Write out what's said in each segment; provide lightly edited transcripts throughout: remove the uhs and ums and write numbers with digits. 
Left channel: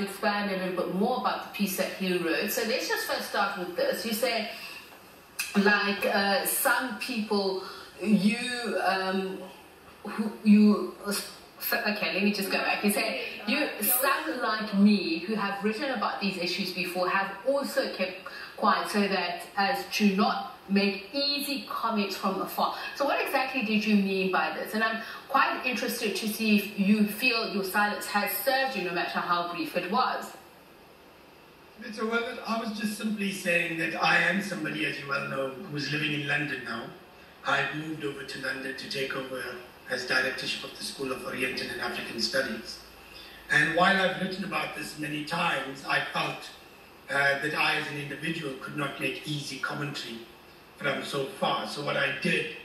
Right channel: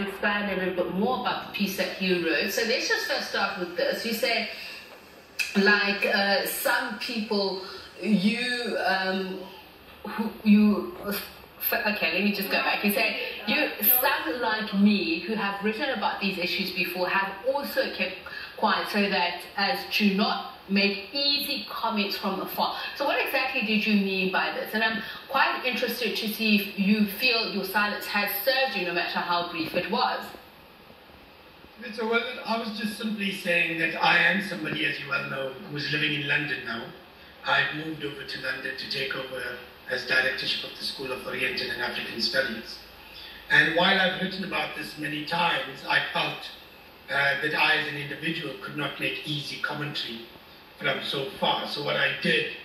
expand a little bit more about the piece that you wrote. So let's just first start with this. You say, like some people, okay, let me just go back. You say, some like me who have written about these issues before have also kept quiet so that as to not make easy comments from afar. So what exactly did you mean by this? And I'm quite interested to see if you feel your silence has served you, no matter how brief it was. So, well, I was just simply saying that I am somebody, as you well know, who's living in London now. I've moved over to London to take over as directorship of the School of Oriental and African Studies. And while I've written about this many times, I felt that I as an individual could not make easy commentary from so far. So what I did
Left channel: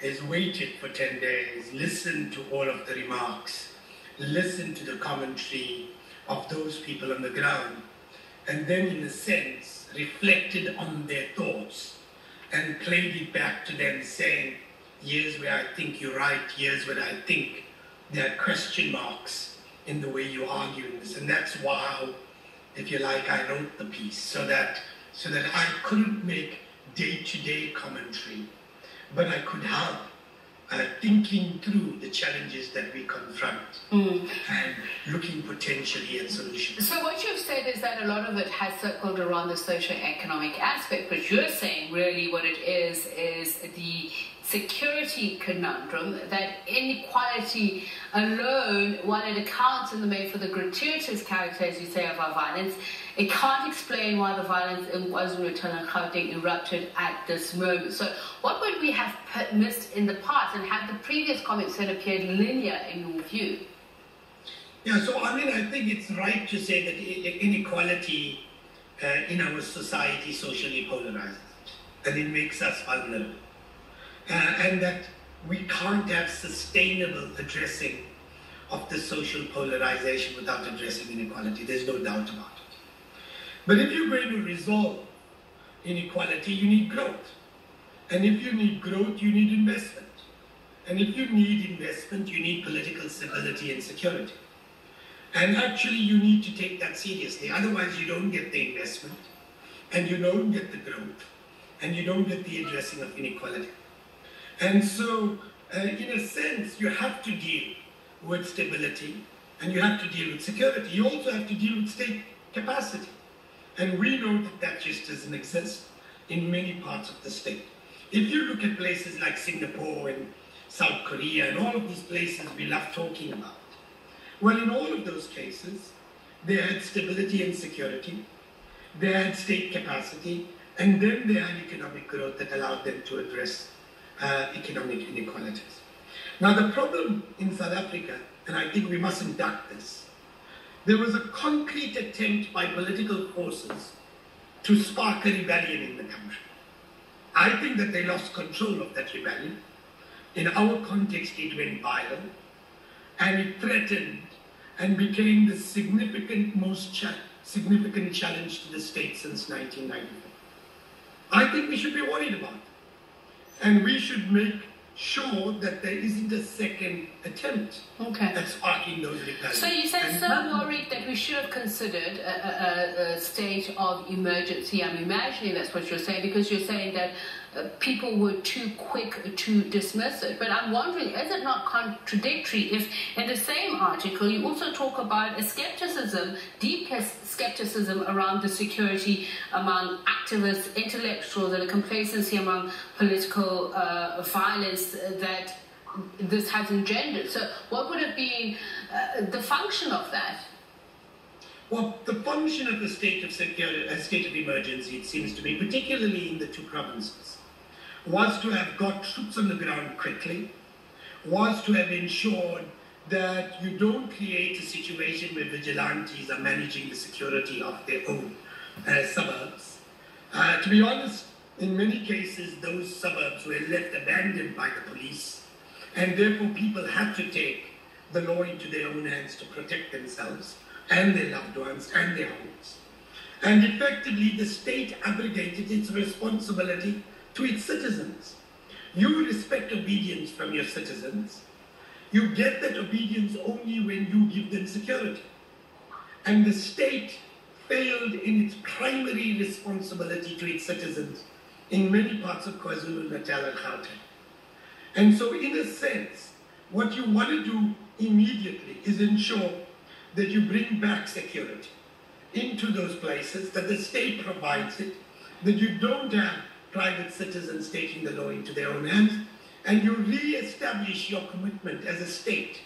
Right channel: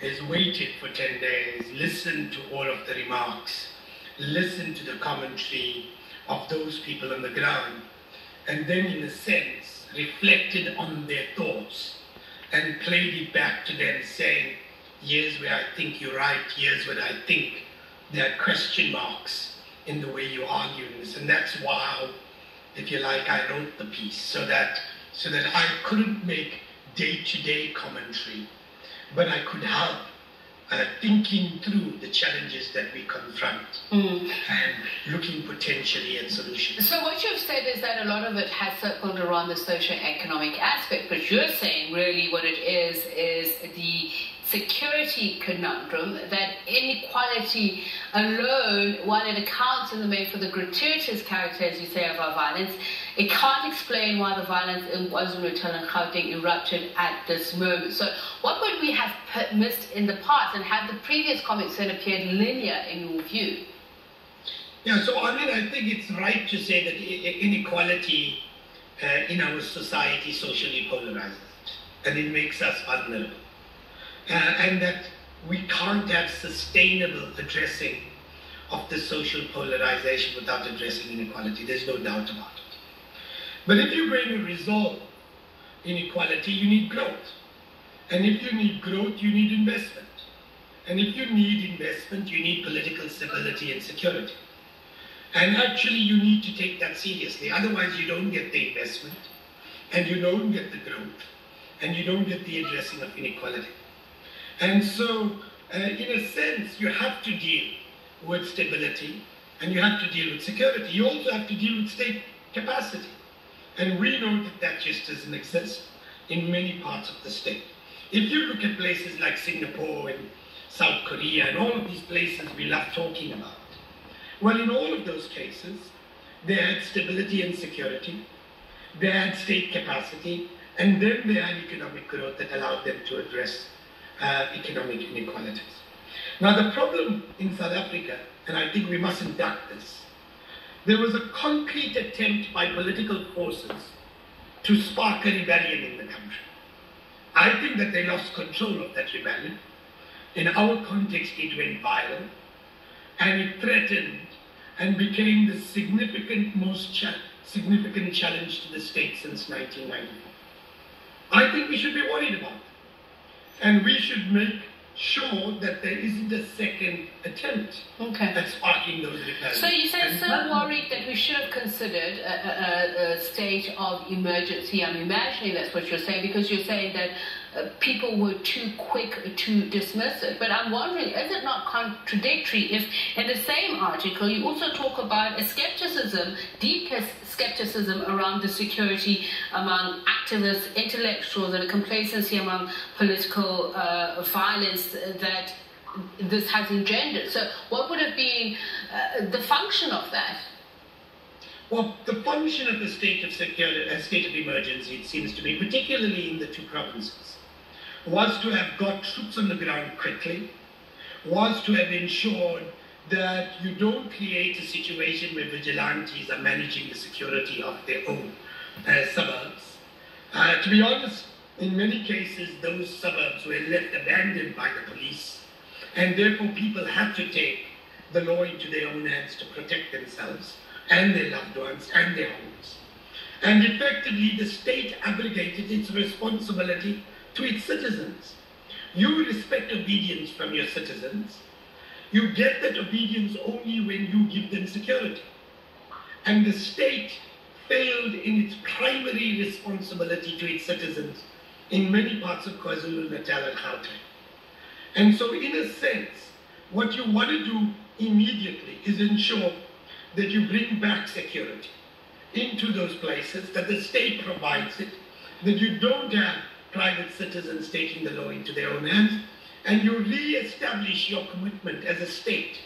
is waited for 10 days, listened to all of the remarks, listened to the commentary of those people on the ground, and then in a sense reflected on their thoughts and played it back to them saying, here's where I think you're right, here's where I think there are question marks in the way you argue in this. And that's why, if you like, I wrote the piece, so that I couldn't make day-to-day commentary, but I could help thinking through the challenges that we confront and looking potentially at solutions. So what you've said is that a lot of it has circled around the socio-economic aspect, but you're saying really what it is the security conundrum, that inequality alone, while it accounts in the main for the gratuitous character, as you say, of our violence, it can't explain why the violence in KwaZulu-Natal and Gauteng erupted at this moment. So what would we have missed in the past, and have the previous comments then appeared linear in your view? Yeah, so I mean, I think it's right to say that inequality in our society socially polarizes, and it makes us vulnerable. And that we can't have sustainable addressing of the social polarization without addressing inequality. There's no doubt about it. But if you're going to resolve inequality, you need growth. And if you need growth, you need investment. And if you need investment, you need political stability and security. And actually, you need to take that seriously. Otherwise, you don't get the investment, and you don't get the growth, and you don't get the addressing of inequality. And so, in a sense, you have to deal with stability, and you have to deal with security. You also have to deal with state capacity. And we know that that just doesn't exist in many parts of the state. If you look at places like Singapore and South Korea and all of these places we love talking about, well, in all of those cases, they had stability and security, they had state capacity, and then they had economic growth that allowed them to address economic inequalities. Now, the problem in South Africa, and I think we mustn't duck this, there was a concrete attempt by political forces to spark a rebellion in the country. I think that they lost control of that rebellion. In our context, it went viral, and it threatened and became the most significant challenge to the state since 1994. I think we should be worried about it. And we should make sure that there isn't a second attempt at sparking those rebellions. So you say so worried that we should have considered a state of emergency. I'm imagining that's what you're saying, because you're saying that people were too quick to dismiss it. But I'm wondering, is it not contradictory if in the same article you also talk about a skepticism, deep skepticism around the security among activists, intellectuals, and a complacency among political violence that this has engendered? So what would have been the function of that? Well, the function of a state of security, a state of emergency, it seems to be, particularly in the two provinces, was to have got troops on the ground quickly, was to have ensured that you don't create a situation where vigilantes are managing the security of their own suburbs. To be honest, in many cases, those suburbs were left abandoned by the police, and therefore people had to take the law into their own hands to protect themselves and their loved ones and their homes. And effectively, the state abrogated its responsibility to its citizens. You respect obedience from your citizens. You get that obedience only when you give them security. and the state failed in its primary responsibility to its citizens in many parts of KwaZulu-Natal and Gauteng. And so in a sense, what you want to do immediately is ensure that you bring back security into those places, that the state provides it, that you don't have private citizens taking the law into their own hands, and you re-establish your commitment as a state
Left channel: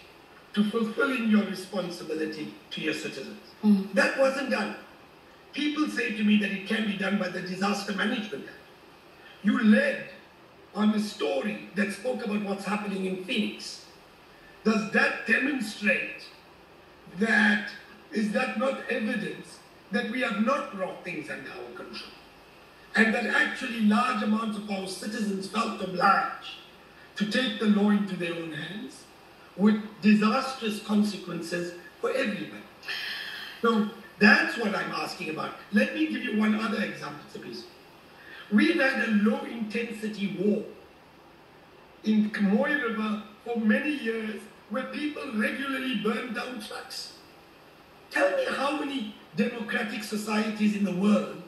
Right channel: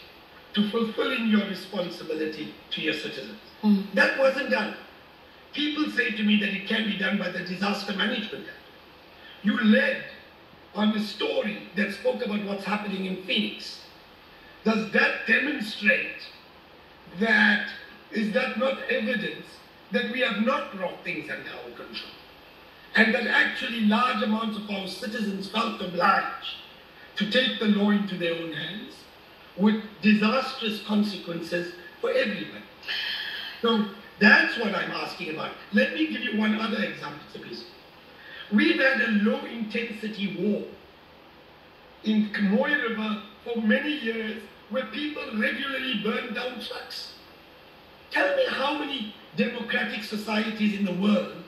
to fulfilling your responsibility to your citizens. That wasn't done. People say to me that it can be done by the Disaster Management Act. You led on a story that spoke about what's happening in Phoenix. Does that demonstrate that, is that not evidence that we have not brought things under our control? And that actually large amounts of our citizens felt obliged to take the law into their own hands with disastrous consequences for everybody. So that's what I'm asking about. Let me give you one other example, please. We've had a low-intensity war in Mooi River for many years where people regularly burn down trucks. Tell me how many democratic societies in the world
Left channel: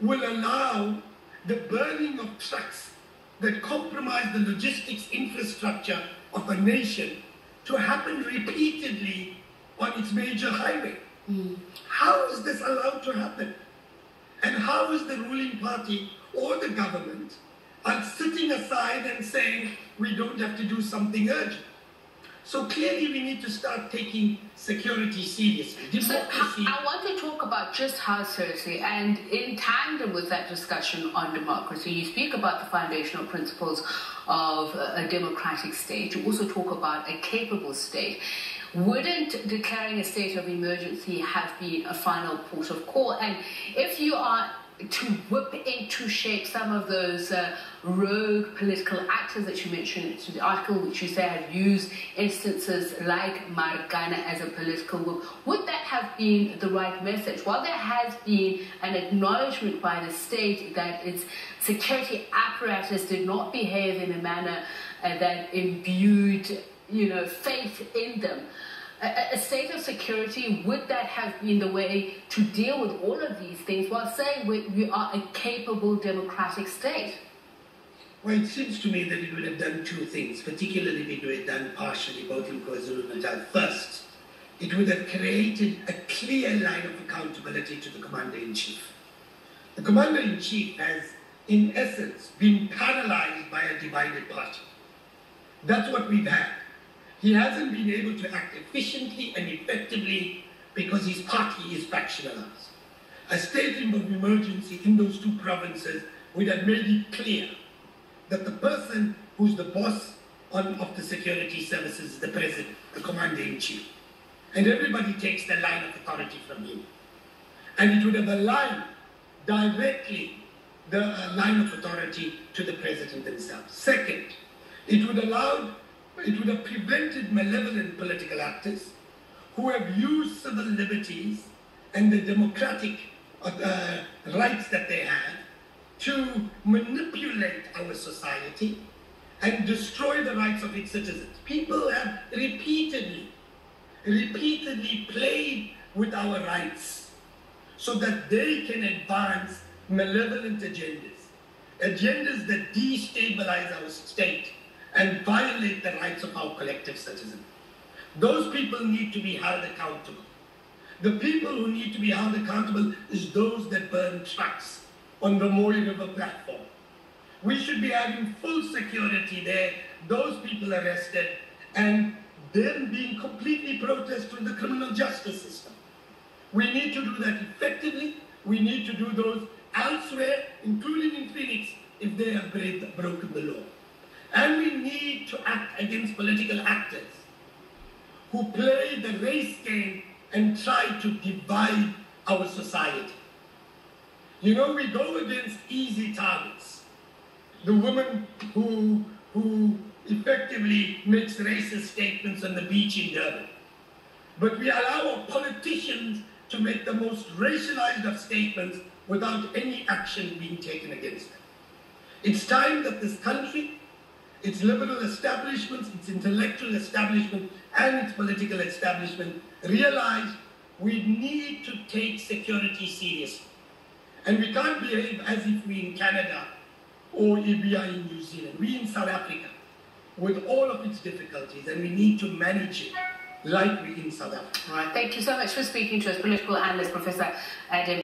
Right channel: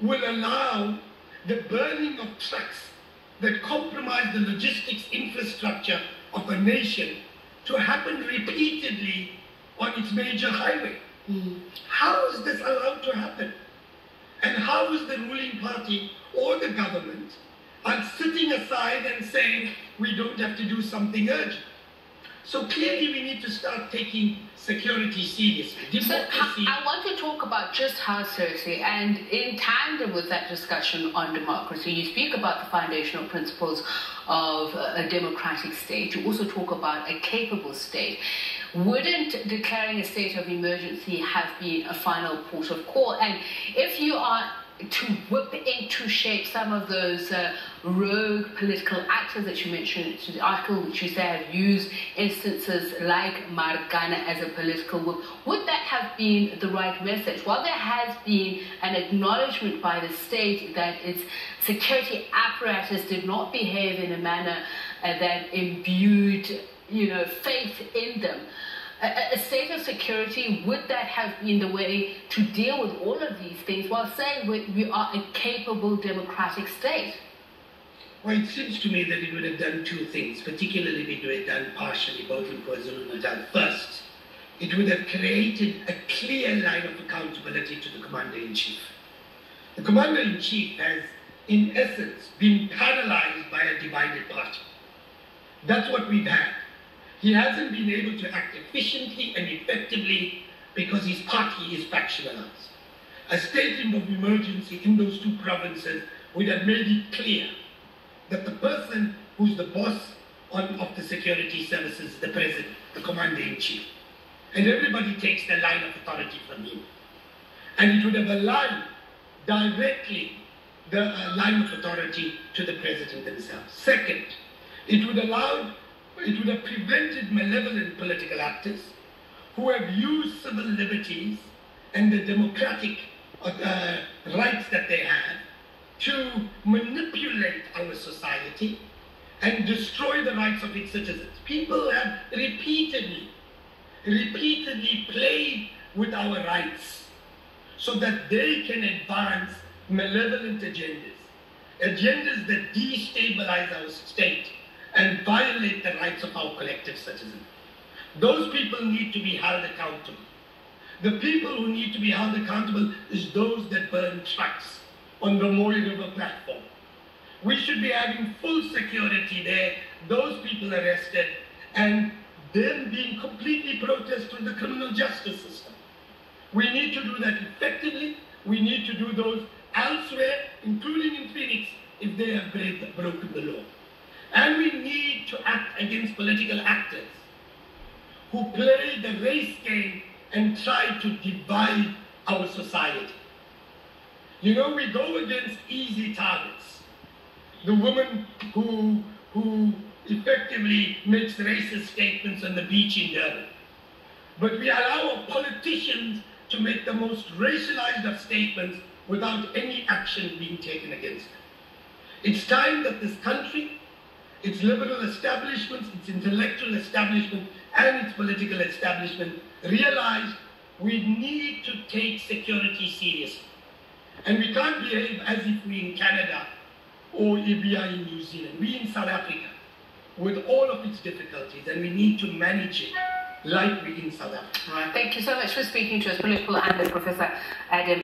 will allow the burning of trucks that compromise the logistics infrastructure of a nation to happen repeatedly on its major highway. How is this allowed to happen? And how is the ruling party or the government are sitting aside and saying we don't have to do something urgent? So clearly we need to start taking security seriously. Democracy. So I want to talk about just how seriously, and in tandem with that discussion on democracy, you speak about the foundational principles of a democratic state. You also talk about a capable state. Wouldn't declaring a state of emergency have been a final port of call? And if you are to whip into shape some of those rogue political actors that you mentioned to the article, which you say have used instances like Marikana as a political whip, would that have been the right message? While there has been an acknowledgement by the state that its security apparatus did not behave in a manner that imbued, faith in them, a state of security, would that have been the way to deal with all of these things while saying we are a capable democratic state? Well, it seems to me that it would have done two things, particularly if it were done partially, both in KwaZulu-Natal. First, it would have created a clear line of accountability to the Commander-in-Chief. The Commander-in-Chief has, in essence, been paralyzed by a divided party. That's what we've had. He hasn't been able to act efficiently and effectively because his party is factionalized. A state of emergency in those two provinces would have made it clear that the person who's the boss of the security services is the president, the commander-in-chief. And everybody takes the line of authority from him. And it would have aligned directly the line of authority to the president himself. Second, it would have prevented malevolent political actors who have used civil liberties and the democratic rights that they have to manipulate our society and destroy the rights of its citizens. People have repeatedly played with our rights so that they can advance malevolent agendas that destabilize our state and violate the rights of our collective citizens. Those people need to be held accountable. The people who need to be held accountable is those that burn trucks on the Mooi River platform. We should be having full security there, those people arrested, and them being completely protested through the criminal justice system. We need to do that effectively. We need to do those elsewhere, including in Phoenix, if they have broken the law. And we need to act against political actors who play the race game and try to divide our society. We go against easy targets. The woman who effectively makes racist statements on the beach in Durban. But we allow our politicians to make the most racialized of statements without any action being taken against them. It's time that this country, its liberal establishments, its intellectual establishment, and its political establishment realize we need to take security seriously. And we can't behave as if we're in Canada or if we are in New Zealand. We're in South Africa with all of its difficulties, and we need to manage it like we're in South Africa. Right. Thank you so much for speaking to us, political analyst Professor Adam.